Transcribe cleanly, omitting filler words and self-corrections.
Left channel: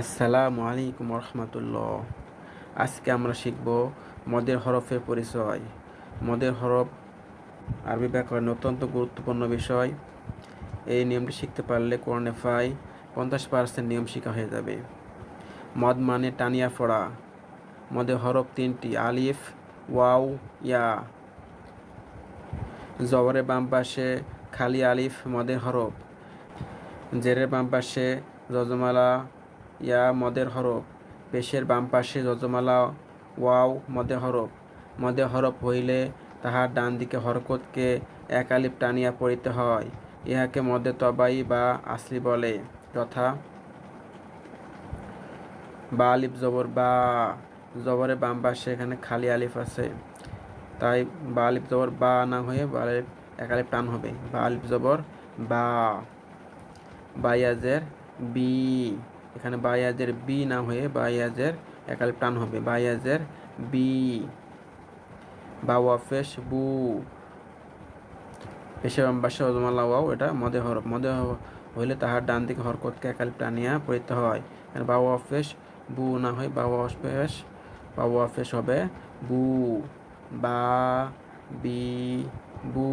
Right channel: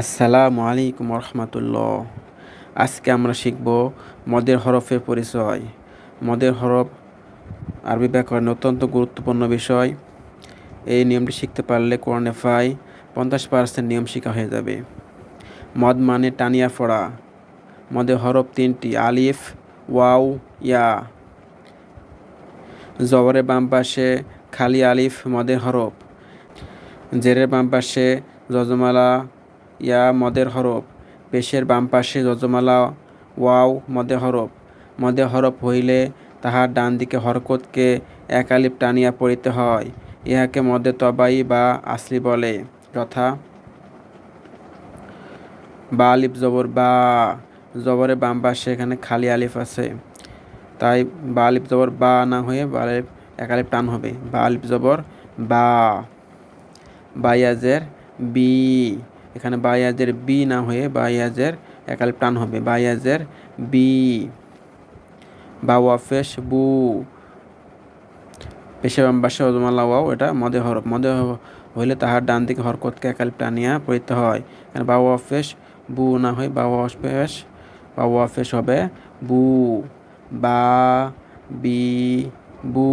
আসসালামু আলাইকুম রহমতুল্লাহ। আজকে আমরা শিখব মদের হরফের পরিচয়। মদের হরফ আরবি ব্যাকরণে অত্যন্ত গুরুত্বপূর্ণ বিষয়। এই নিয়মটি শিখতে পারলে কোরআনে প্রায় 50% নিয়ম শিখা হয়ে যাবে। মদ মানে টানিয়া পড়া। মদের হরফ তিনটি: আলিফ, ওয়াও, ইয়া। জবরের বাম পাশে খালি আলিফ মদের হরফ। জেরের বাম পাশে যজমালা ইয়া মদের হরফ। পেশের বাম পাশে যজমালা ওয়াও মদের হরফ। মদের হরফ হইলে তাহার ডান দিকে হরকতকে এক আলিফ টানিয়া পড়িতে হয়। ইহাকে মদে তবাই বা আসলি বলে, যথা বা আলিফ জবর বা। জবরের বাম পাশে এখানে খালি আলিফ আছে, তাই বা আলিফ জবর বা না হয়ে বা আলিফ এক আলিফ টান হবে। বা আলিফ জবর বা। বায়াজের বি, এখানে বায়াজের বি না হয়ে বায়াজের এক আলিফ টান হবে। বায়াজের বি। বা ওয়াফেশ বু। পেশে বাম পাশে অজমালা ওয়াও, এটা মদে হরফ। মদে হইলে তাহার ডান দিকে হরকতকে এক আলিফ টানিয়া পড়িতে হয়। এখানে বা ওয়াফেশ বু না হয় বা ওয়াফেশ হবে বু। বা বি বু।